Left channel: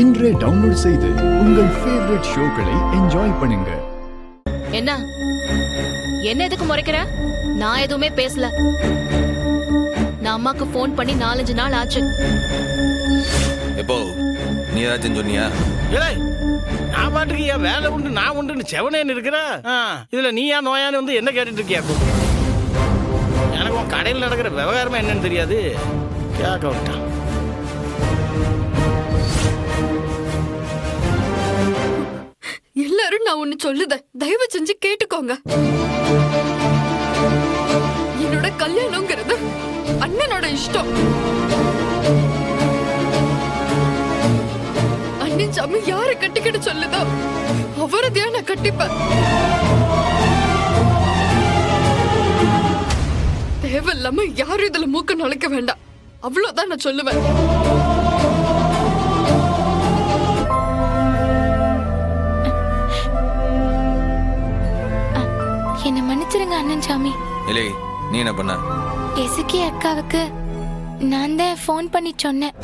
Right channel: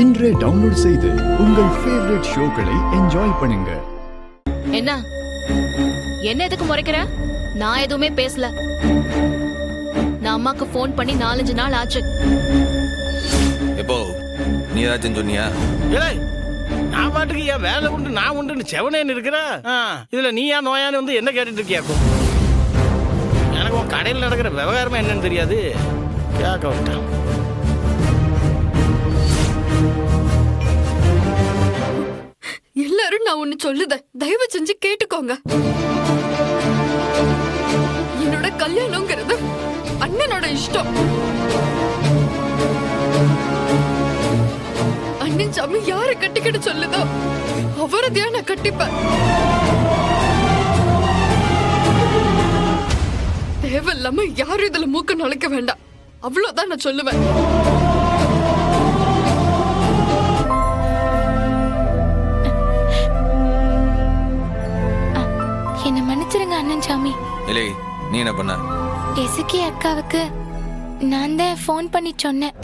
இன்றே டவுன்லோட் செய்து உங்கள் ஃபேவரட் ஷோக்களை என்ஜாய் பண்ணுங்க. என்ன என்ன எதுக்கு முறைக்கிற? நான் எதுவுமே பேசல. நான் அம்மாக்கு போன் பண்ணி 4-5 நாள் ஆச்சு. எப்போ நீ ஏதாச்சும் சொன்னியா? ஏய், நான் பாட்டுக்கு ஏன் வேலை உண்டு நான் உண்டுன்னு செவனேன்னு இருக்கிற. இதுல நீயா நோயான்னு வந்து என்ன கேட்டுட்டு இருக்கியாக்கும்? எனக்கு உன் கடையில் நடக்கிற விவகாரமா என்னன்னு தெரியாது. கேட்க விட்டான். எல்லாரும் நான் ஒண்ணு சொல்லுத தயவு செஞ்சு கேட்டுக்கோங்க. என்னோட கல்யாணம்ங்கிறது அண்ணனோட இஷ்டம். அண்ணன் சாமி யாரை கட்டிக்கிட்டு சொல்லுதோ அவரதையா நான் கட்டிப்பேன். தேவையில்லாம யாரும் இதுல மூக்க நுழைக்க வேண்டாம். அவ்வளவுதான் நான் சொல்லுவேன். என்ன மன்னிச்சிருங்க அண்ணன் சாமி. இல்லை, நீ என்ன பண்ண? எசுக்கி அக்காவுக்கு நான் தான் ஃபோன் பண்ணி சொன்னேன்.